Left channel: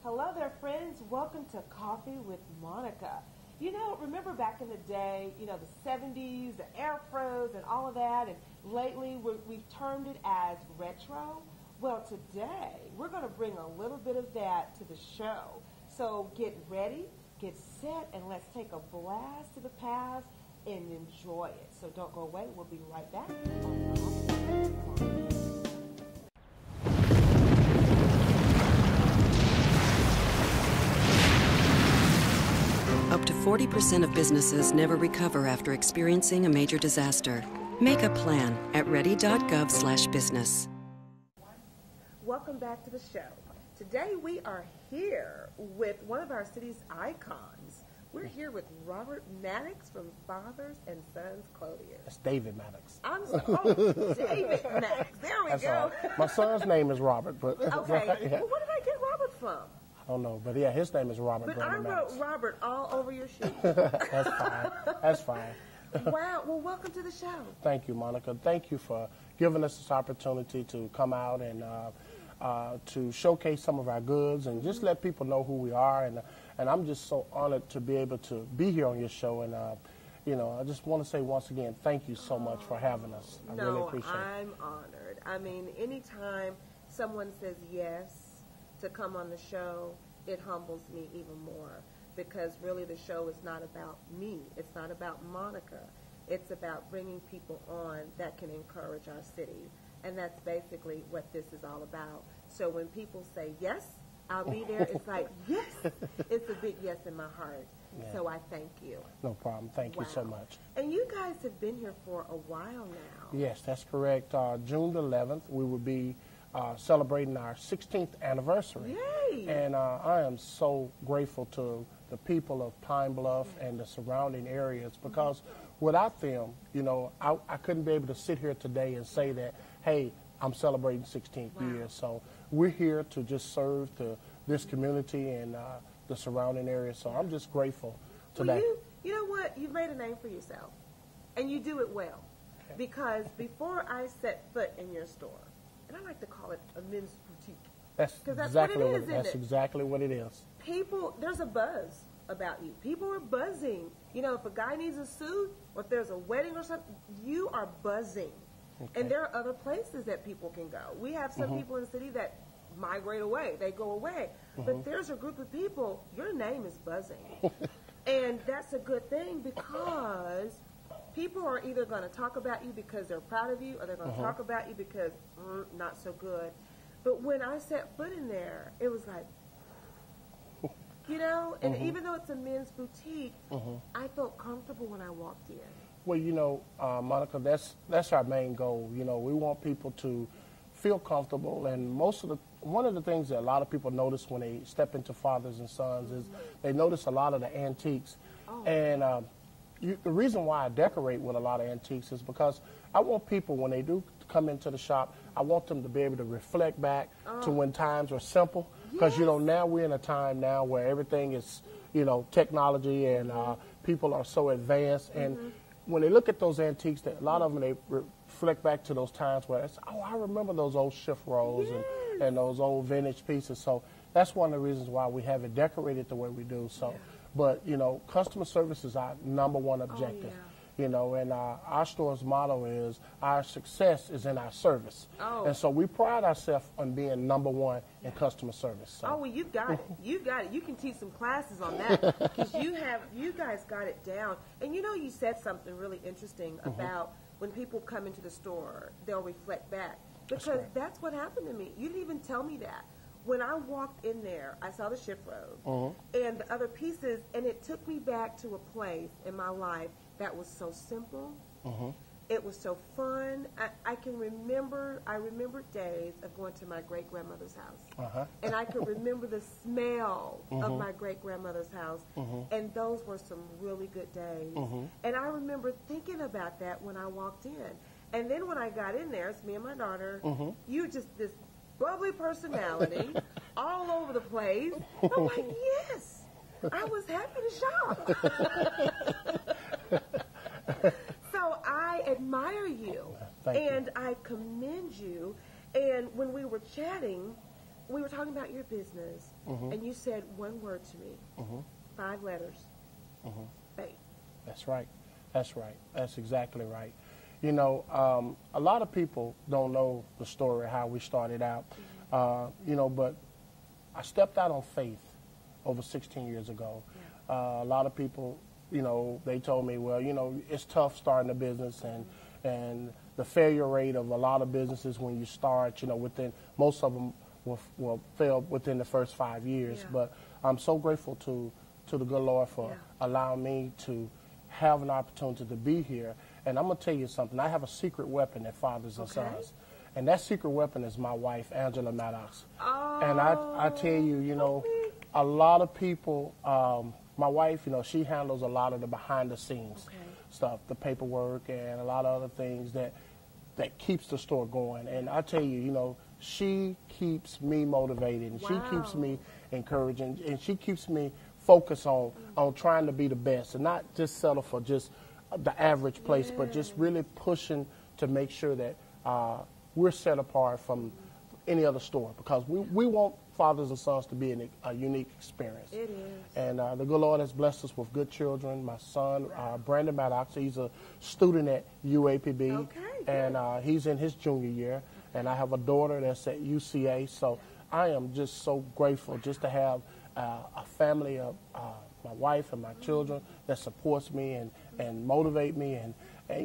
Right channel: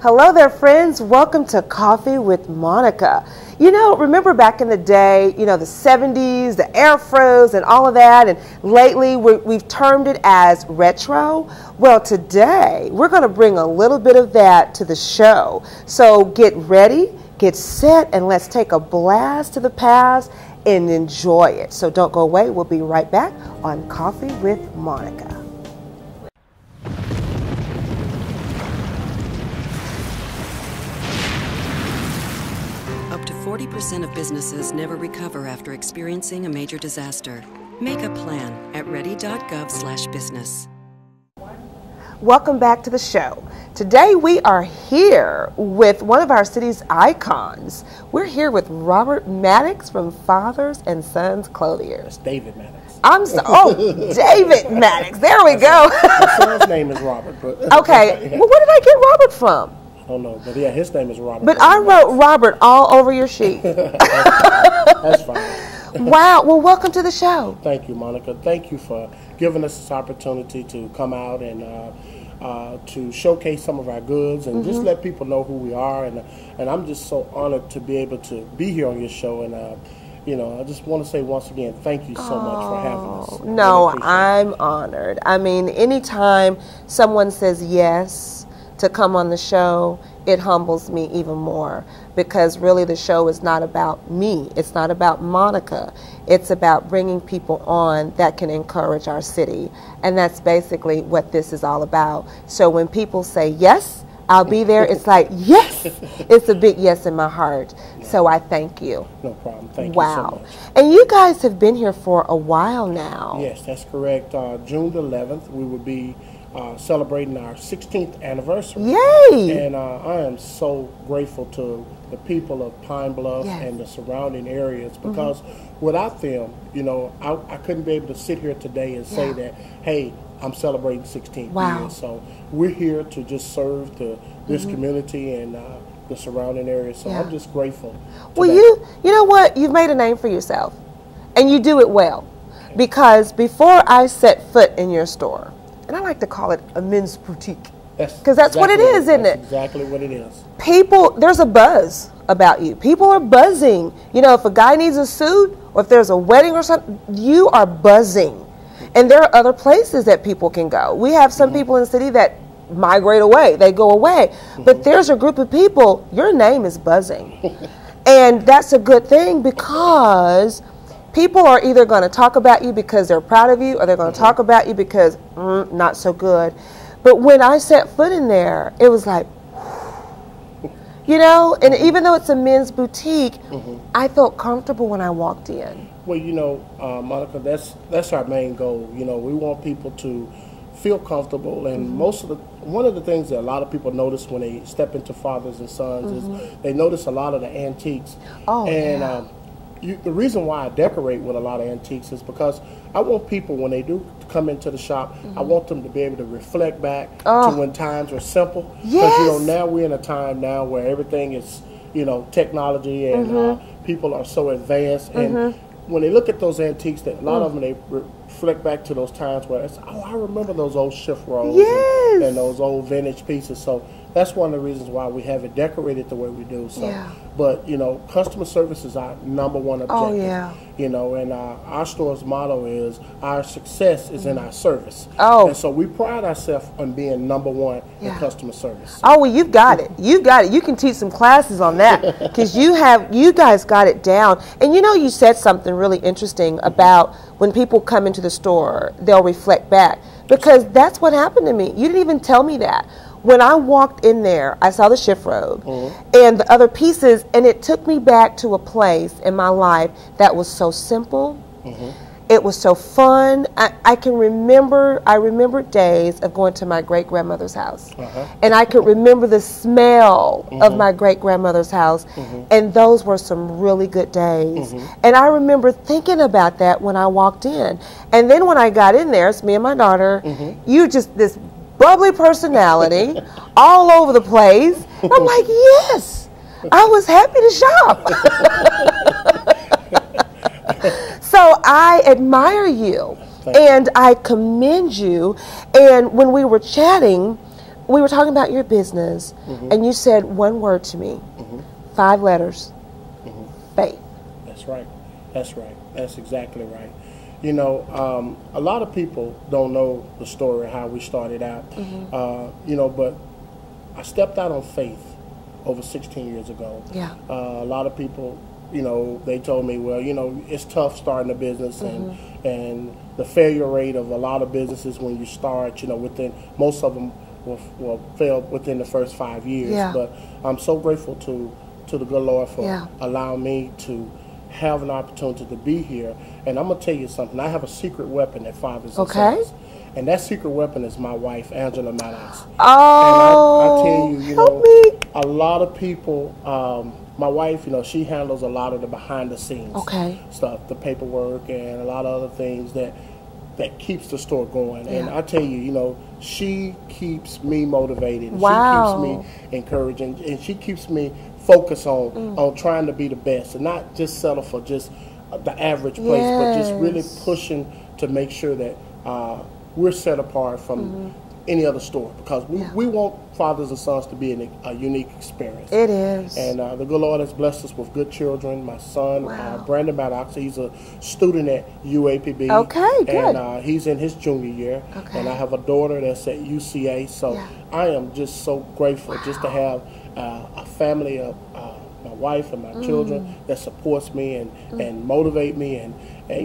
Hello there, friends. Welcome to Coffee with Monica. You know, remember back in the day, the 70s, the afros and all of that, and lately we've termed it as retro. Well, today we're going to bring a little bit of that to the show. So get ready, get set, and let's take a blast to the past and enjoy it. So don't go away. We'll be right back on Coffee with Monica. Up to 40% of businesses never recover after experiencing a major disaster. Make a plan at ready.gov/business. Welcome back to the show. Today we are here with one of our city's icons. We're here with Robert Maddox from Fathers and Sons Clothier. It's David Maddox. David Maddox. There we go. My son's name is Robert. But okay. Well, where did I get Robert from? I don't know, but yeah, his name is Robert. But I wrote Robert all over your sheet. That's fine. Wow. Well, welcome to the show. Thank you, Monica. Thank you for giving us this opportunity to come out and to showcase some of our goods and just let people know who we are. And I'm just so honored to be able to be here on your show. And I just want to say once again, thank you so much for having us. No, I'm honored. I mean, anytime someone says yes to come on the show, it humbles me even more, because really the show is not about me. It's not about Monica. It's about bringing people on that can encourage our city. And that's basically what this is all about. So when people say, yes, I'll be there, it's like, yes, it's a big yes in my heart. So I thank you. No problem. Thank you so much. And you guys have been here for a while now. Yes, that's correct. June the 11th, we will be celebrating our 16th anniversary. Yay! And I am so grateful to the people of Pine Bluff and the surrounding areas, because without them, I couldn't be able to sit here today and say that, hey, I'm celebrating 16 years. So we're here to just serve this community and the surrounding areas. So I'm just grateful. Well, you know what? You've made a name for yourself, and you do it well. Because before I set foot in your store, and I like to call it a men's boutique, because that's what it is, isn't it? Exactly what it is. People, there's a buzz about you. People are buzzing. If a guy needs a suit, or if there's a wedding or something, you are buzzing. And there are other places that people can go. We have some people in the city that migrate away. They go away. But there's a group of people, your name is buzzing. And that's a good thing, because people are either going to talk about you because they're proud of you, or they're going to talk about you because not so good. But when I set foot in there, it was like, and even though it's a men's boutique, I felt comfortable when I walked in. Well, Monica, that's our main goal. We want people to feel comfortable, and one of the things that a lot of people notice when they step into Fathers and Sons is they notice a lot of the antiques. The reason why I decorate with a lot of antiques is because I want people, when they do come into the shop, I want them to be able to reflect back to when times were simple. Because now we're in a time now where everything is technology, and people are so advanced, and when they look at those antiques, that a lot of them, they reflect back to those times where it's, I remember those old shift rolls and those old vintage pieces. So that's one of the reasons why we have it decorated the way we do. So, but customer service is our number one objective. And our store's motto is, our success is in our service. And so we pride ourselves on being number one in customer service. Oh, well, you've got it. You got it. You can teach some classes on that, because you guys got it down. And you said something really interesting about when people come into the store, they'll reflect back, because that's what happened to me. You didn't even tell me that. When I walked in there, I saw the shift robe and the other pieces, and it took me back to a place in my life that was so simple. It was so fun. I remember days of going to my great-grandmother's house. And I could remember the smell of my great-grandmother's house. And those were some really good days. And I remember thinking about that when I walked in. And then when I got in there, it's me and my daughter, you just this bubbly personality all over the place. And I'm like, yes, I was happy to shop. So I admire you and I commend you. And when we were chatting, we were talking about your business, and you said one word to me, 5 letters, faith. That's right. That's right. That's exactly right. You know, a lot of people don't know the story of how we started out. You know, but I stepped out on faith over 16 years ago. Yeah. A lot of people, you know, they told me, well, you know, it's tough starting a business, and the failure rate of a lot of businesses when you start, you know, within, most of them will fail within the first 5 years. Yeah. But I'm so grateful to the good Lord for allowing me to have an opportunity to be here. And I'm going to tell you something. I have a secret weapon that fathers and sons. And that secret weapon is my wife, Angela Maddox. Oh, and I tell you, you know, a lot of people, my wife, you know, she handles a lot of the behind the scenes stuff, the paperwork and a lot of other things that keeps the store going. And I tell you, you know, she keeps me motivated. She keeps me encouraging, and she keeps me focused on trying to be the best and not just settle for just the average place, but just really pushing to make sure that we're set apart from any other store, because we want fathers and sons to be a unique experience. It is. And the good Lord has blessed us with good children. My son, Brandon Maddox, he's a student at UAPB. Okay, good. And he's in his junior year. And I have a daughter that's at UCA. So I am just so grateful just to have a family of my wife and my children that supports me and motivate me, and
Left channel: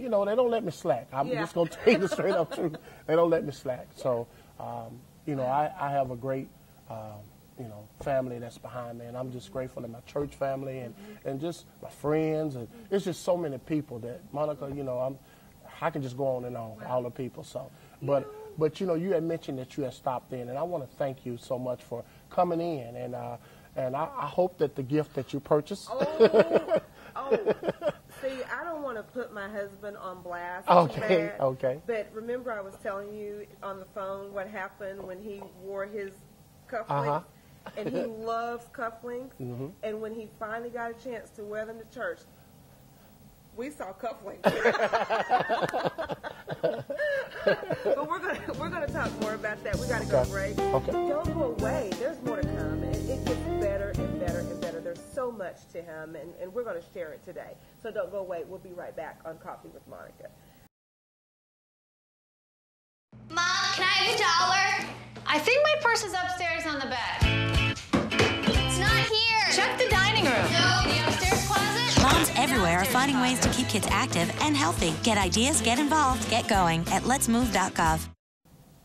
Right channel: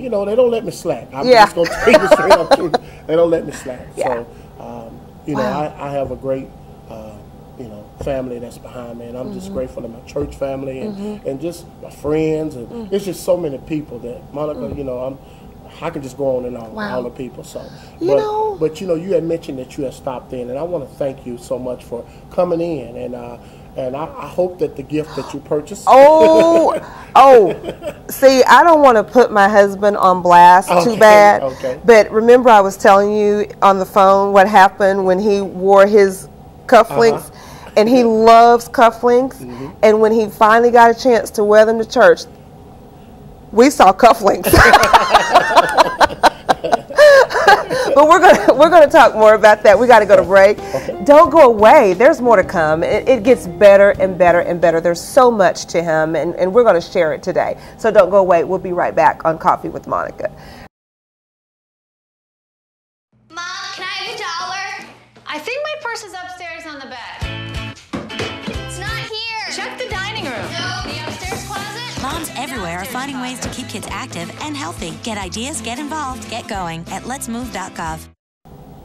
you know, they don't let me slack. I'm just going to tell you straight up truth. They don't let me slack. So, you know, I have a great, you know, family that's behind me, and I'm just grateful to my church family and just my friends, and it's just so many people that, Monica, you know, I can just go on and on, all the people. So, but you know, you had mentioned that you had stopped in, and I want to thank you so much for coming in, and I hope that the gift that you purchased. See, I don't want to put my husband on blast too bad. But remember, I was telling you on the phone what happened when he wore his cufflinks, and he loves cufflinks. And when he finally got a chance to wear them to church, we saw cufflinks. But we're gonna talk more about that. We got to go to break. Don't go away. There's more to come. It gets better and better and better. There's so much to him, and we're going to share it today. So don't go away. We'll be right back on Coffee with Monica. Mom, can I have $1? I think my purse is upstairs on the bed. It's not here. Check the dining room. No, the upstairs closet. Moms everywhere are finding ways to keep kids active and healthy. Get ideas, get involved, get going at letsmove.gov.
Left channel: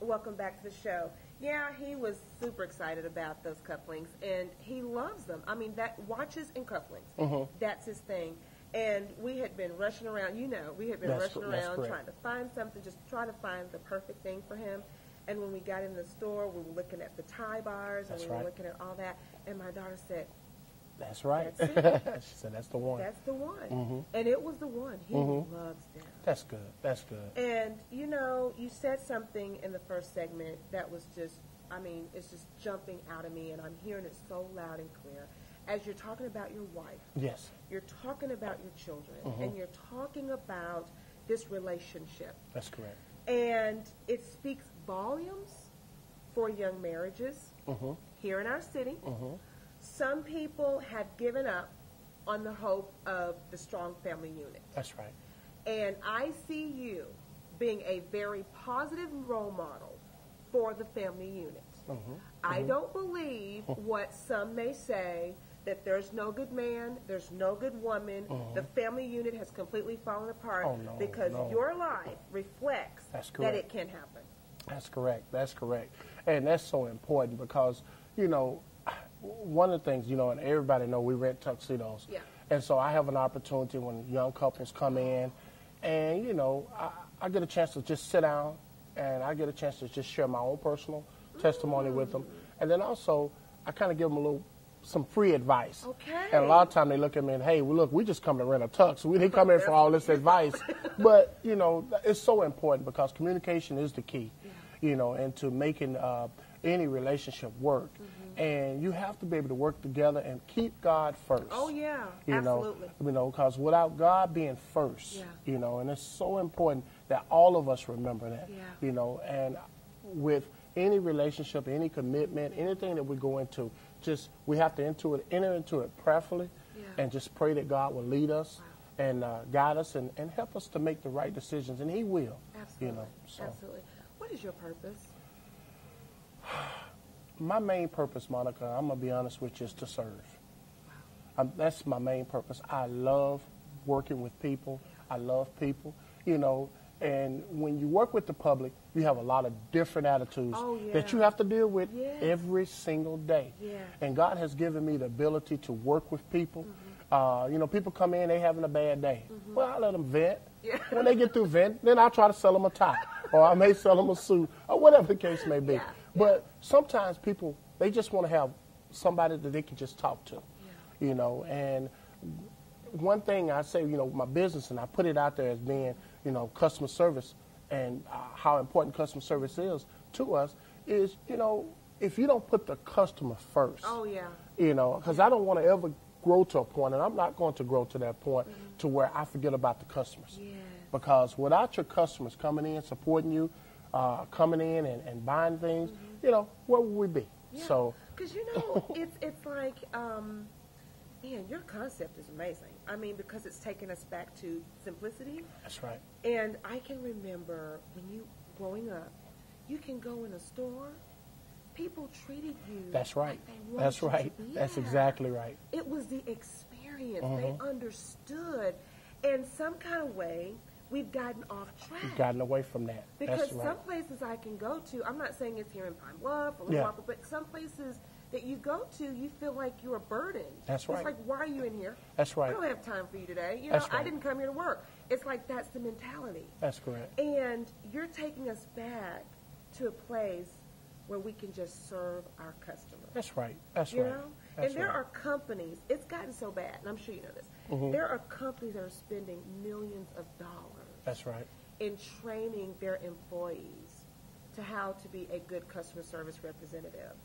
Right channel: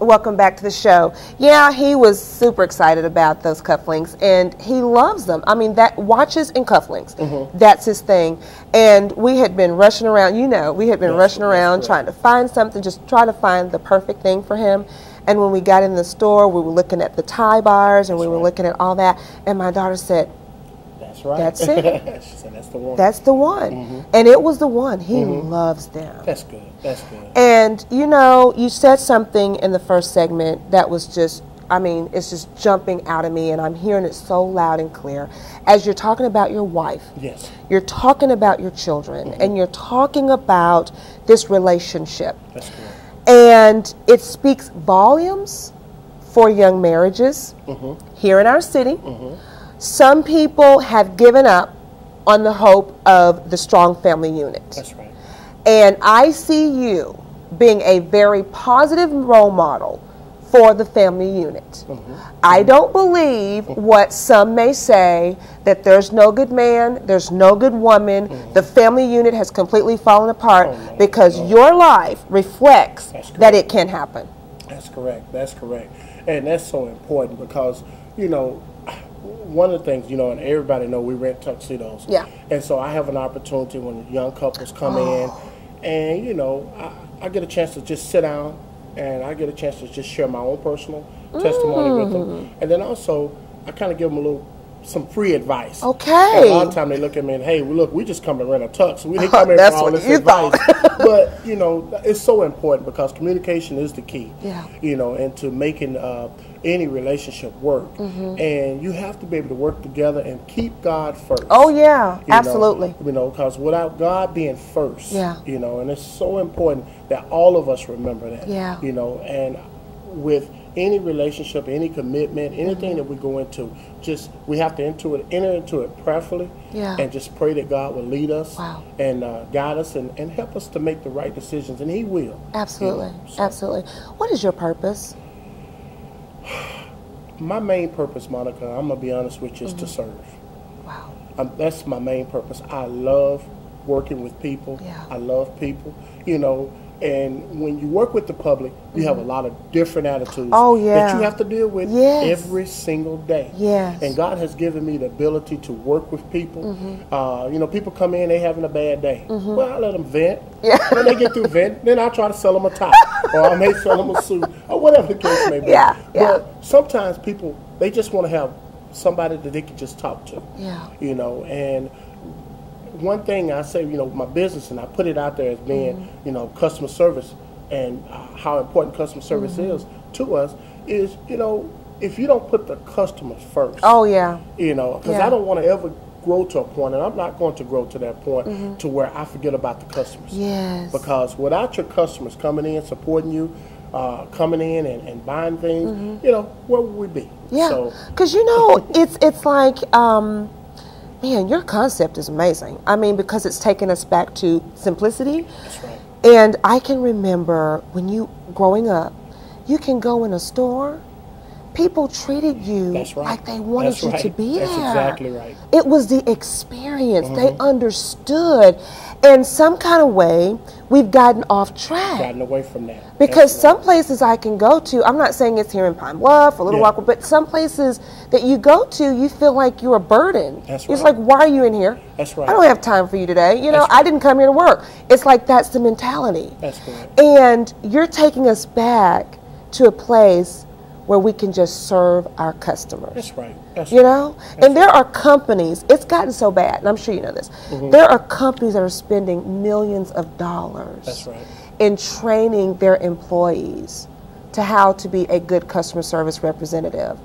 Welcome back to the show. Yeah, he was super excited about those cufflinks, and he loves them. I mean, that watches and cufflinks, that's his thing. And we had been rushing around, you know, rushing around trying to find something, just try to find the perfect thing for him. And when we got in the store, we were looking at the tie bars, and we were looking at all that, and my daughter said, "That's right. That's it." She said, "That's the one." That's the one. And it was the one. He loves them. That's good. That's good. And, you know, you said something in the first segment that was just, I mean, it's just jumping out of me, and I'm hearing it so loud and clear. As you're talking about your wife, you're talking about your children, and you're talking about this relationship. That's correct. And it speaks volumes for young marriages here in our city. Some people have given up on the hope of the strong family unit. That's right. And I see you being a very positive role model for the family unit. I don't believe what some may say, that there's no good man, there's no good woman, the family unit has completely fallen apart, because your life reflects that it can happen. That's correct. That's correct. And that's so important, because, you know, one of the things, you know, and everybody know we rent tuxedos. And so I have an opportunity when young couples come in, and, you know, I get a chance to just sit down, and I get a chance to just share my own personal testimony with them. And then also, I kind of give them some free advice. And a lot of time they look at me and, hey, well, look, we just come to rent a tux. We didn't come in for all this advice. But, you know, it's so important, because communication is the key, you know, into making any relationship work. And you have to be able to work together and keep God first. Absolutely. You know, because without God being first, you know, and it's so important that all of us remember that. You know, and with any relationship, any commitment, anything that we go into, just we have to enter into it prayerfully, and just pray that God will lead us and guide us and help us to make the right decisions, and He will. Absolutely, you know, so. absolutely. What is your purpose? My main purpose, Monica, I'm gonna be honest with you, is to serve. Wow. That's my main purpose. I love working with people. I love people, you know. And when you work with the public, you have a lot of different attitudes that you have to deal with every single day. And God has given me the ability to work with people. You know, people come in, they having a bad day. Well, I let them vent. When they get through vent, then I try to sell them a tie, or I may sell them a suit, or whatever the case may be. But sometimes people, they just want to have somebody that they can just talk to. You know, and one thing I say, you know, my business, and I put it out there as being, you know, customer service, and how important customer service is to us, is, you know, if you don't put the customer first. You know, because I don't want to ever grow to a point, and I'm not going to grow to that point to where I forget about the customers. Because without your customers coming in, supporting you, coming in and buying things, you know, where would we be? Because, you know, it's like, man, your concept is amazing. I mean, because it's taken us back to simplicity. That's right. And I can remember when you, growing up, you can go in a store, people treated you like they wanted you to be there. That's exactly right. It was the experience. They understood. In some kind of way, we've gotten off track. Gotten away from that. Because some places I can go to, I'm not saying it's here in Pine Bluff or Little Rock, but some places that you go to, you feel like you're a burden. That's right. It's like, why are you in here? That's right. I don't have time for you today. You know, I didn't come here to work. It's like that's the mentality. That's correct. And you're taking us back to a place where we can just serve our customers. That's right. That's you know? And there are companies, it's gotten so bad, and I'm sure you know this, there are companies that are spending millions of dollars That's right. in training their employees to how to be a good customer service representative.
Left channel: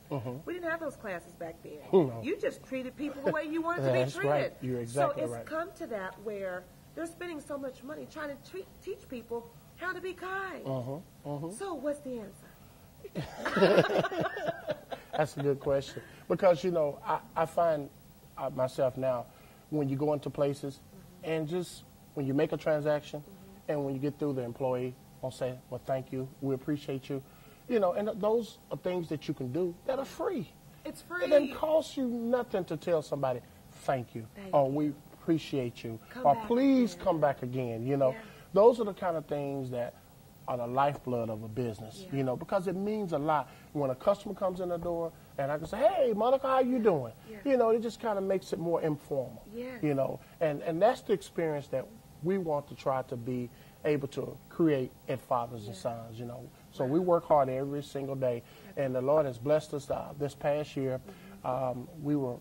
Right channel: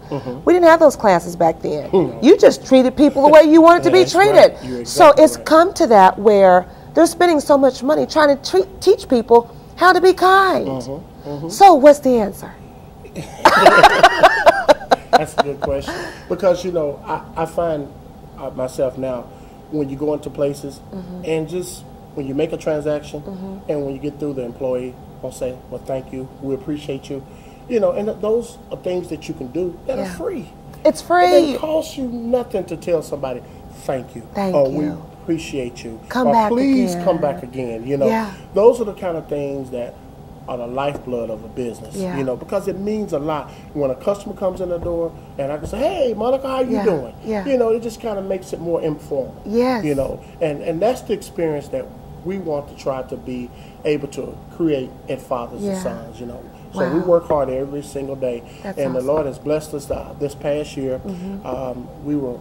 We didn't have those classes back then. You just treated people the way you wanted to be treated. Right. So it's come to that where they're spending so much money trying to teach people how to be kind. So what's the answer? That's a good question, because, you know, I find myself now, when you go into places and just when you make a transaction and when you get through, the employee will say, well, thank you, we appreciate you, you know, and those are things that you can do that are free. It's free. It costs you nothing to tell somebody thank you, thank or you, we appreciate you, come or back please again. come back again. You know, those are the kind of things that are the lifeblood of a business, you know, because it means a lot when a customer comes in the door and I can say, hey, Monica, how you doing? You know, it just kind of makes it more informal. You know, and that's the experience that we want to try to be able to create at Fathers and Sons, you know. So we work hard every single day. That's and awesome. The Lord has blessed us this past year. We were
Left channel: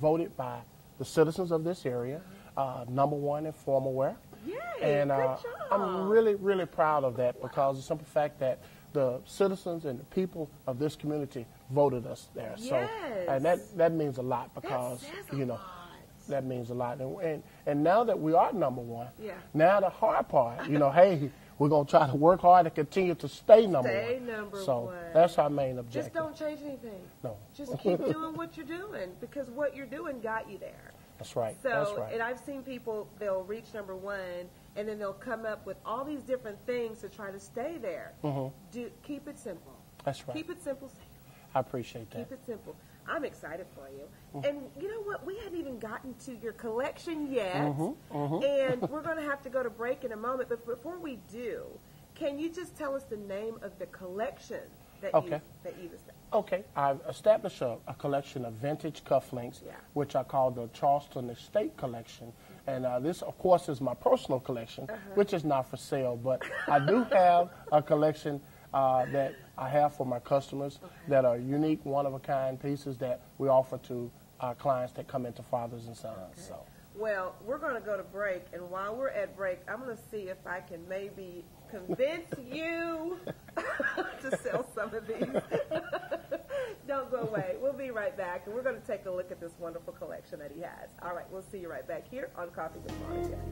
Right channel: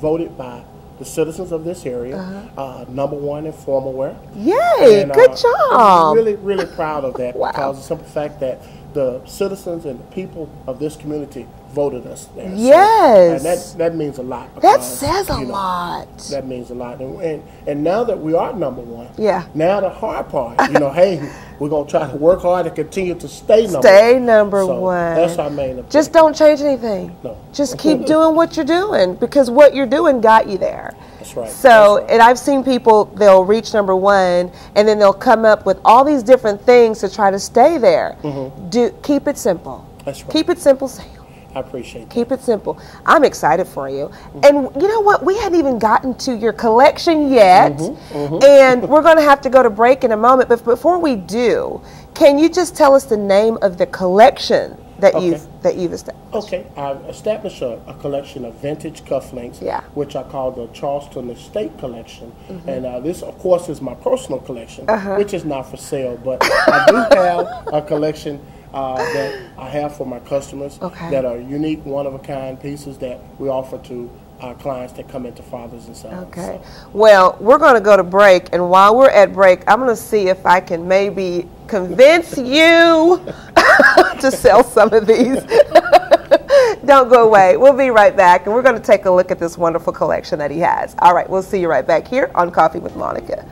voted by the citizens of this area, #1 in formal wear. Yay, and, good job. I'm really, really proud of that because of the simple fact that the citizens and the people of this community voted us there. Yes. So, and that means a lot. That Because, says a you know, lot. That means a lot. And now that we are #1, now the hard part, you know, hey, we're going to try to work hard to continue to stay number one. Stay number so one. That's our main objective. Just don't change anything. No. Just keep doing what you're doing, because what you're doing got you there. That's right. So, That's right. and I've seen people, they'll reach #1, and then they'll come up with all these different things to try to stay there. Keep it simple. That's right. Keep it simple, Sam. I appreciate that. Keep it simple. I'm excited for you. And you know what? We hadn't even gotten to your collection yet. And we're going to have to go to break in a moment. But before we do, can you just tell us the name of the collection that you've established? Okay, I've established a collection of vintage cufflinks, which I call the Charleston Estate Collection. And this, of course, is my personal collection, which is not for sale. But I do have a collection that I have for my customers that are unique, one-of-a-kind pieces that we offer to our clients that come into Fathers and Sons. Okay. Well, we're going to go to break, and while we're at break, I'm going to see if I can maybe convince you to sell some of these. Don't go away. We'll be right back, and we're going to take a look at this wonderful collection that he has. All right, we'll see you right back here on Coffee with Monica.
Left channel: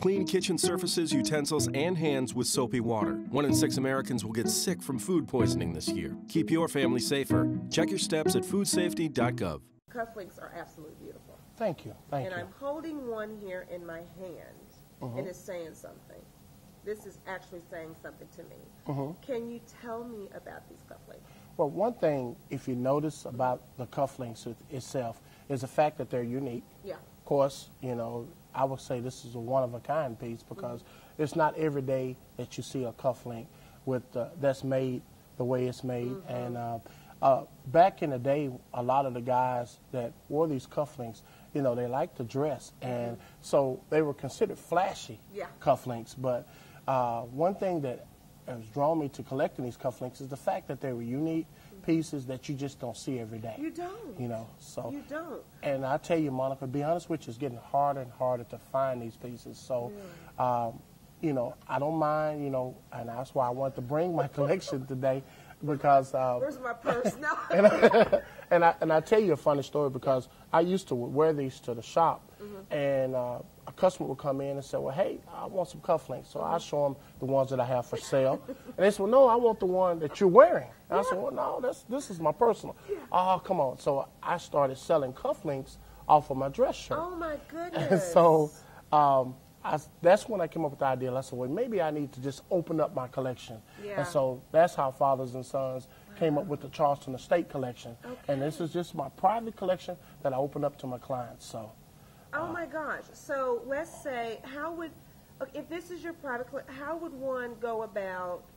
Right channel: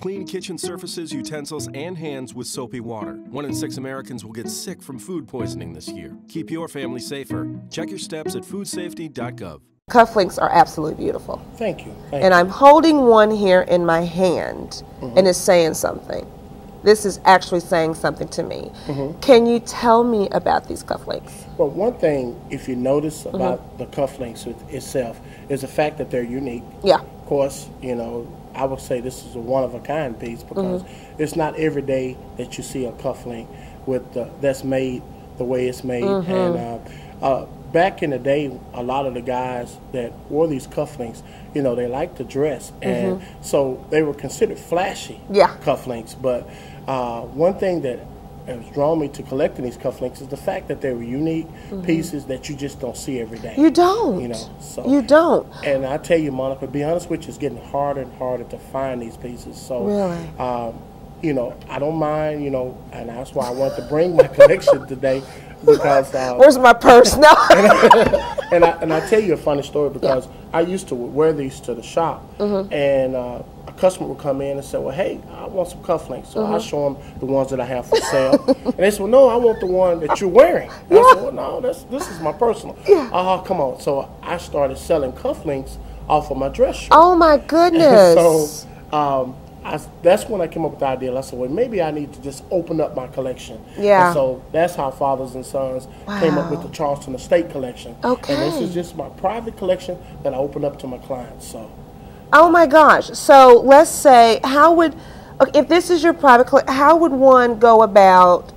Clean kitchen surfaces, utensils, and hands with soapy water. 1 in 6 Americans will get sick from food poisoning this year. Keep your family safer. Check your steps at foodsafety.gov. Cufflinks are absolutely beautiful. Thank you. And I'm holding one here in my hand, and it's saying something. This is actually saying something to me. Can you tell me about these cufflinks? Well, one thing, if you notice about the cufflinks itself, is the fact that they're unique. Yeah. Of course, you know, I would say this is a one-of-a-kind piece because it's not every day that you see a cufflink with that's made the way it's made. And back in the day, a lot of the guys that wore these cufflinks, you know, they liked to dress, and so they were considered flashy cufflinks. But one thing that has drawn me to collecting these cufflinks is the fact that they were unique pieces that you just don't see every day. You don't. You know, so you don't. And I tell you, Monica, to be honest with you, it's getting harder and harder to find these pieces. So, really? You know, I don't mind. You know, and that's why I wanted to bring my collection today. Because where's my purse now? and I tell you a funny story because I used to wear these to the shop, and a customer would come in and say, "Well, hey, I want some cufflinks." So I show them the ones that I have for sale, and they said, "Well, no, I want the one that you're wearing." And I said, "Well, no, this is my personal." Oh, come on! So I started selling cufflinks off of my dress shirt. Oh my goodness! So that's when I came up with the idea. I said, well, maybe I need to just open up my collection. Yeah. And so that's how Fathers and Sons came up with the Charleston Estate collection. Okay. And this is just my private collection that I open up to my clients. So. Oh my gosh! So let's say, if this is your private collection, how would one go about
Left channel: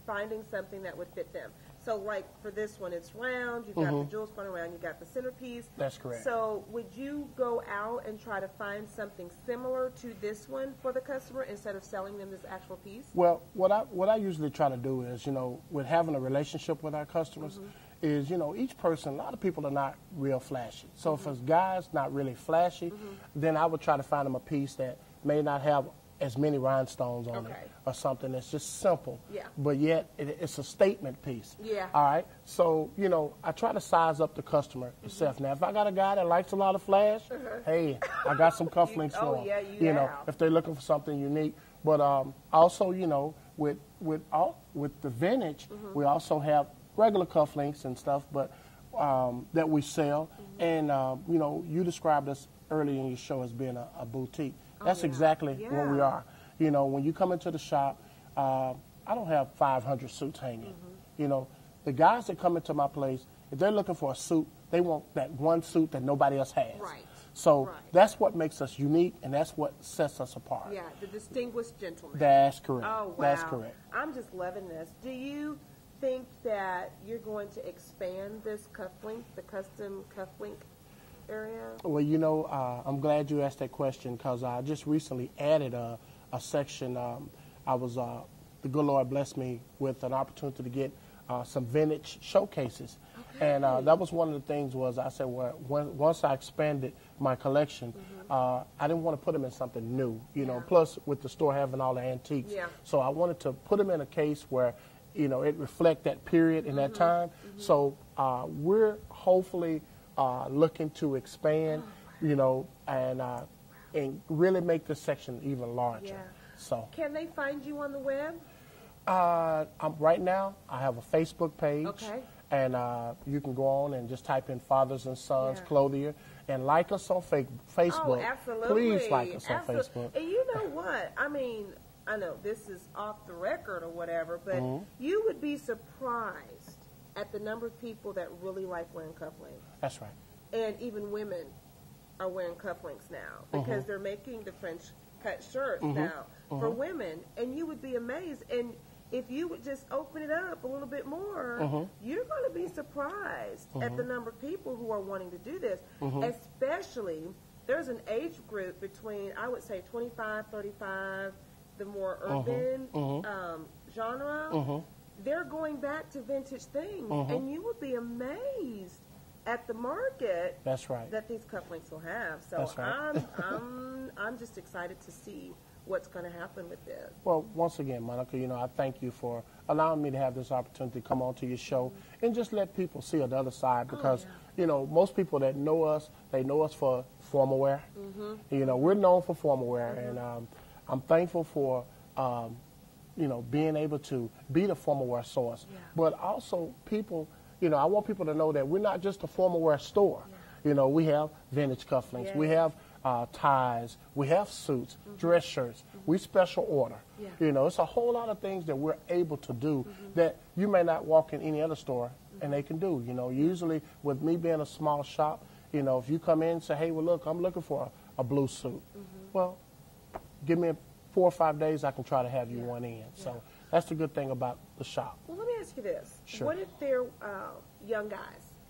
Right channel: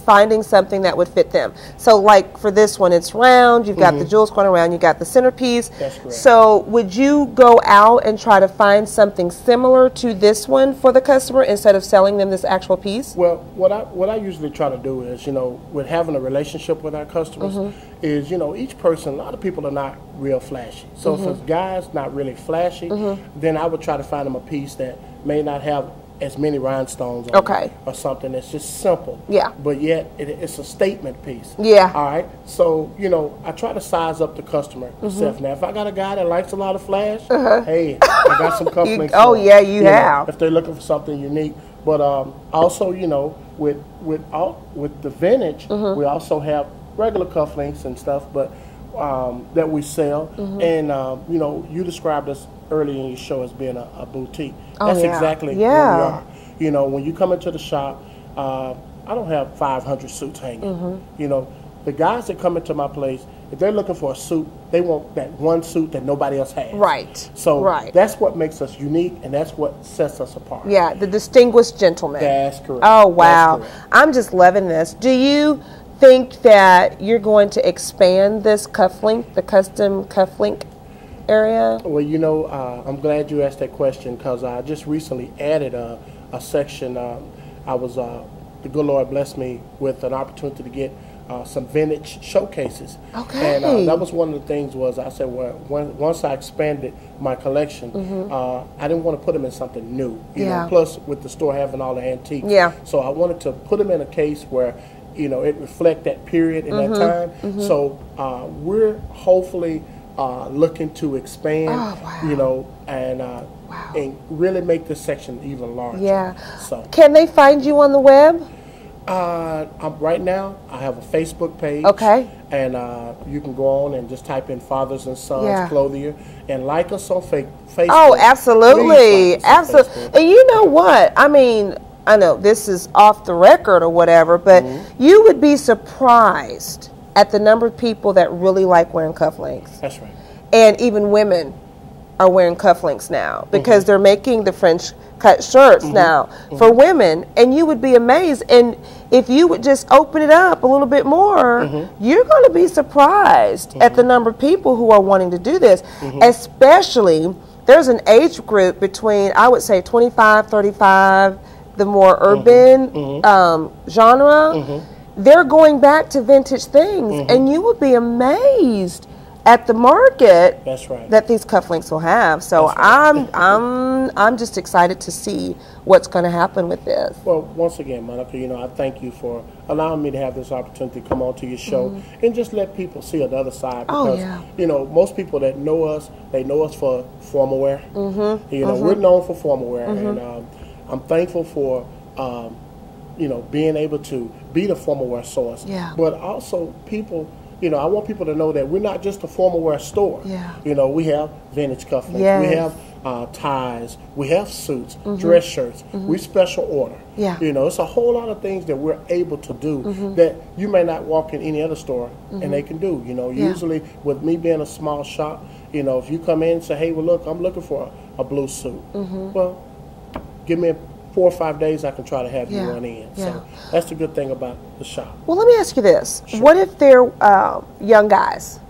finding something that would fit them? So, like for this one, it's round. You've got the jewels going around. You got the centerpiece. That's correct. So, would you go out and try to find something similar to this one for the customer instead of selling them this actual piece? Well, what I usually try to do is, you know, with having a relationship with our customers, is, you know, each person. A lot of people are not real flashy. So, if a guy's not really flashy, then I would try to find them a piece that may not have as many rhinestones on it, or something that's just simple. Yeah. But yet it's a statement piece. Yeah. All right. So, you know, I try to size up the customer itself. Now, if I got a guy that likes a lot of flash, hey, I got some cufflinks. You have. Know, if they're looking for something unique. But also, you know, with the vintage, we also have regular cufflinks and stuff, but that we sell. And you know, you described us earlier in your show as being a boutique. That's exactly what we are. You know, when you come into the shop, I don't have 500 suits hanging. You know, the guys that come into my place, if they're looking for a suit, they want that one suit that nobody else has. Right. So that's what makes us unique, and that's what sets us apart. Yeah, the distinguished gentleman. That's correct. Oh, wow. That's correct. I'm just loving this. Do you think that you're going to expand this cufflink, the custom cufflink area? Well, you know, I'm glad you asked that question because I just recently added a section. The good Lord blessed me with an opportunity to get some vintage showcases. Okay. And that was one of the things was I said, well, once I expanded my collection, I didn't want to put them in something new. You know, plus with the store having all the antiques. Yeah. So I wanted to put them in a case where, you know, it reflect that period in that time. So we're hopefully looking to expand, you know, and really make this section even larger. Yeah. So can they find you on the web? Right now, I have a Facebook page. Okay. And you can go on and just type in Fathers and Sons Clothier and like us on Facebook. Oh, absolutely. Like absolutely. And you know what? I mean, I know this is off the record or whatever, but you would be surprised at the number of people that really like wearing cufflinks. That's right. And even women are wearing cufflinks now because they're making the French cut shirts now for women, and you would be amazed. And if you would just open it up a little bit more, you're going to be surprised at the number of people who are wanting to do this. Especially, there's an age group between, I would say, 25, 35, the more urban genre. They're going back to vintage things, and you would be amazed at the market that these cufflinks will have. So I'm just excited to see what's going to happen with this. Well, once again, Monica, you know, I thank you for allowing me to have this opportunity to come on to your show and just let people see the other side. Because, you know, most people that know us, they know us for formal wear. You know, we're known for formal wear. And I'm thankful for, you know, being able to be the formal wear source. Yeah. But also people, you know, I want people to know that we're not just a formal wear store. Yeah. You know, we have vintage cufflinks. Yes. We have ties. We have suits, dress shirts. We special order. Yeah. You know, it's a whole lot of things that we're able to do that you may not walk in any other store and they can do. You know, usually with me being a small shop, you know, if you come in and say, hey, well, look, I'm looking for a blue suit. Well, give me 4 or 5 days, I can try to have you run in. So that's the good thing about the shop. Well, let me ask you this. What if they're young guys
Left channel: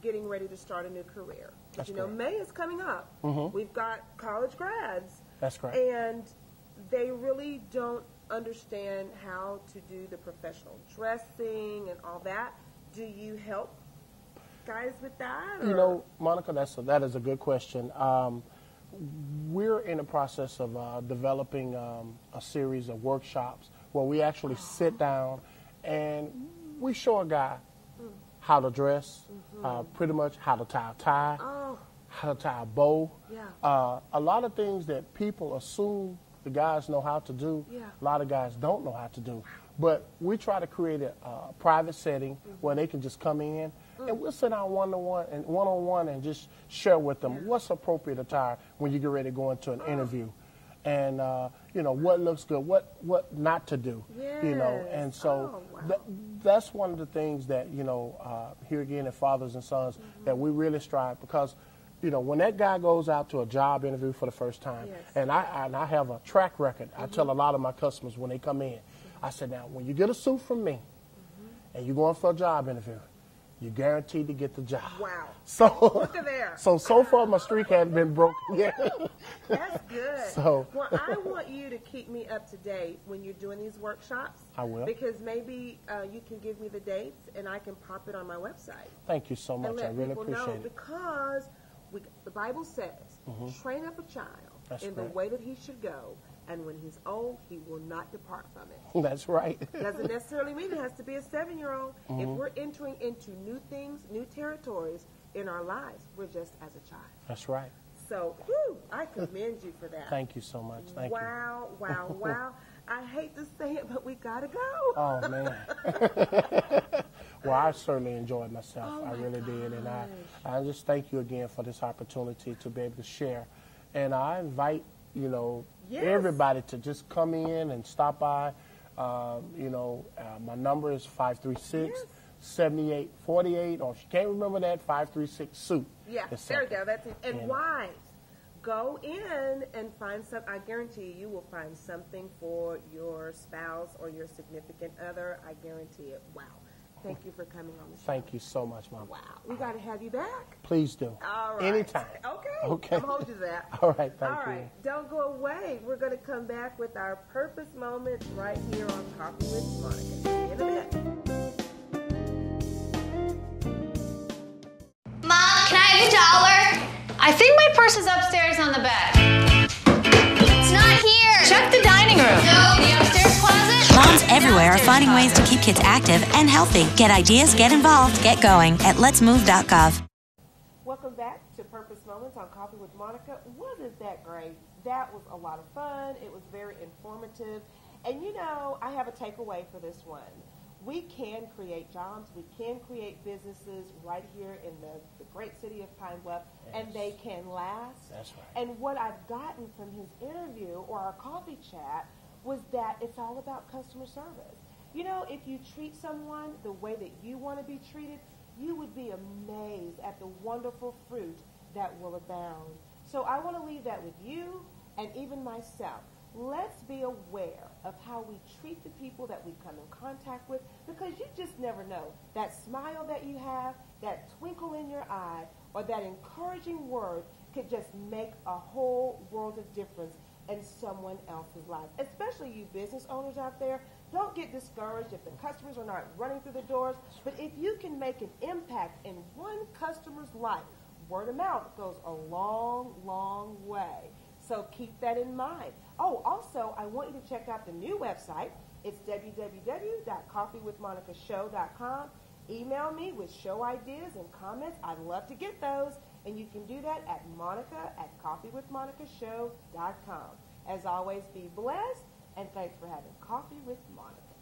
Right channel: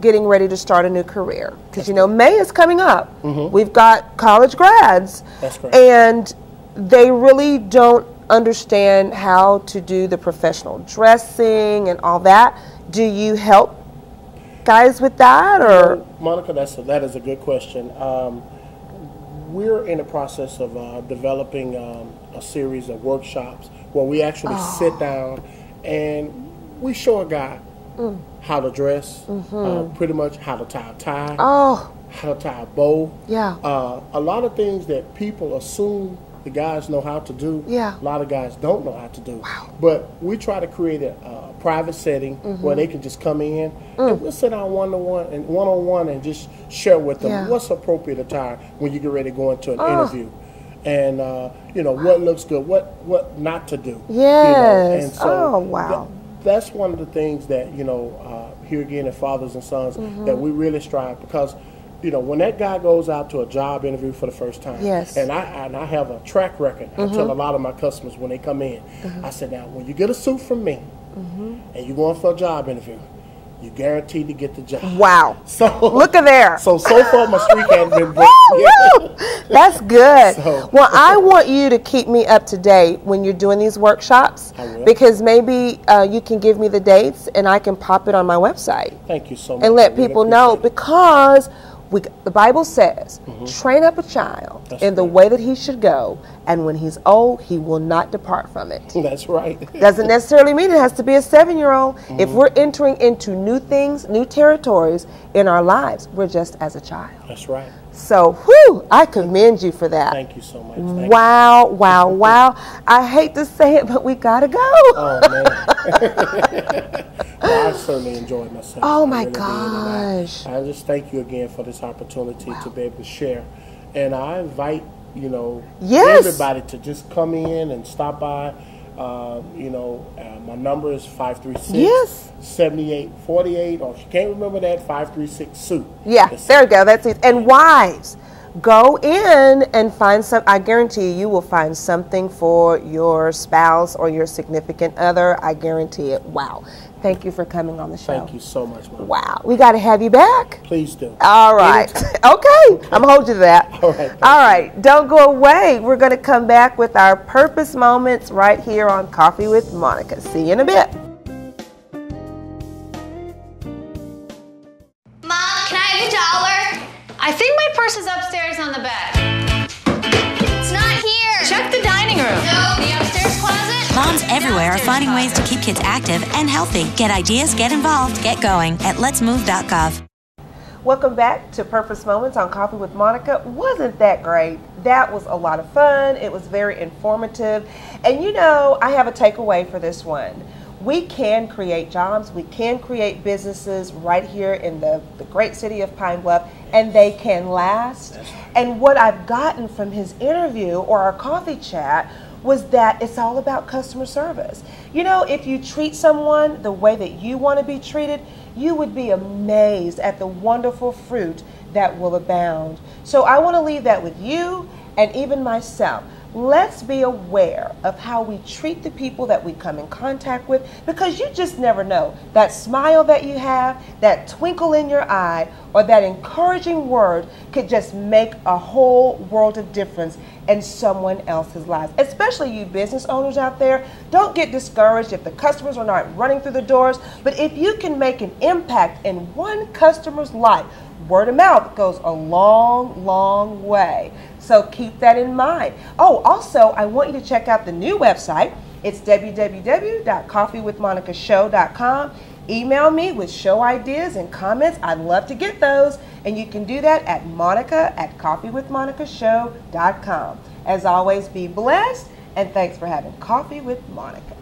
getting ready to start a new career? Because, you know, May is coming up. We've got college grads. That's correct. And they really don't understand how to do the professional dressing and all that. Do you help guys with that? Or, you know, Monica, that is a good question. We're in the process of developing a series of workshops where we actually sit down and we show a guy how to dress, pretty much how to tie a tie, how to tie a bow. Yeah. A lot of things that people assume the guys know how to do, Yeah. a lot of guys don't know how to do. But we try to create a private setting where they can just come in and we'll sit down one-on-one and just share with them what's appropriate attire when you get ready to go into an interview. And, you know, what looks good, what not to do. Yes. You know? And so wow. that's one of the things that, you know, here again at Fathers and Sons, that we really strive, because you know, when that guy goes out to a job interview for the first time, and I have a track record, I tell a lot of my customers when they come in, I said, now, when you get a suit from me and you're going for a job interview, you're guaranteed to get the job. Wow. So look at there. So far my streak hasn't been broken. That's good. So. Well, I want you to keep me up to date when you're doing these workshops, because maybe you can give me the dates and I can pop it on my website. Thank you so much. And let people know, because the Bible says, train up a child in the way that he should go, and when he's old, he will not depart from it. That's right. Doesn't necessarily mean it has to be a 7-year-old. If we're entering into new things, new territories in our lives, we're just as a child. That's right. So, whew, I commend you for that. Thank you so much. Wow, wow, wow. I hate to say it, but we gotta go. Oh, man. Well, I certainly enjoyed myself. Oh, my really gosh. I just thank you again for this opportunity to be able to share. And I invite, you know, everybody to just come in and stop by. You know, my number is 536-7848, or if you can't remember that, 536-SUIT. Yeah, there you go. That's it. And wives, go in and find some. I guarantee you will find something for your spouse or your significant other. I guarantee it. Wow. Thank you for coming on the show. Thank you so much, Mom. Wow. We got to have you back. Please do. All right. Okay. I'm going to hold you to that. All right. All right. Don't go away. We're going to come back with our purpose moments right here on Coffee with Monica. See you in a bit. Mom, can I have $1? I think my purse is upstairs on the bed. It's not here. Check the dining room. No. The upstairs closet. Moms everywhere are finding ways to keep kids active and healthy. Get ideas, get involved, get going at letsmove.gov. Welcome back to Purpose Moments on Coffee with Monica. Wasn't that great? That was a lot of fun. It was very informative. And you know, I have a takeaway for this one. We can create jobs, we can create businesses right here in the great city of Pine Bluff, and they can last. And what I've gotten from his interview or our coffee chat was that it's all about customer service. You know, if you treat someone the way that you want to be treated, you would be amazed at the wonderful fruit that will abound. So I want to leave that with you and even myself. Let's be aware of how we treat the people that we come in contact with, because you just never know. That smile that you have, that twinkle in your eye, or that encouraging word could just make a whole world of difference in someone else's life. Especially you business owners out there, don't get discouraged if the customers are not running through the doors, but if you can make an impact in one customer's life, word of mouth goes a long, long way. So keep that in mind. Oh, also, I want you to check out the new website. It's www.coffeewithmonicashow.com. Email me with show ideas and comments. I'd love to get those. And you can do that at monica@coffeewithmonicashow.com. As always, be blessed, and thanks for having Coffee with Monica.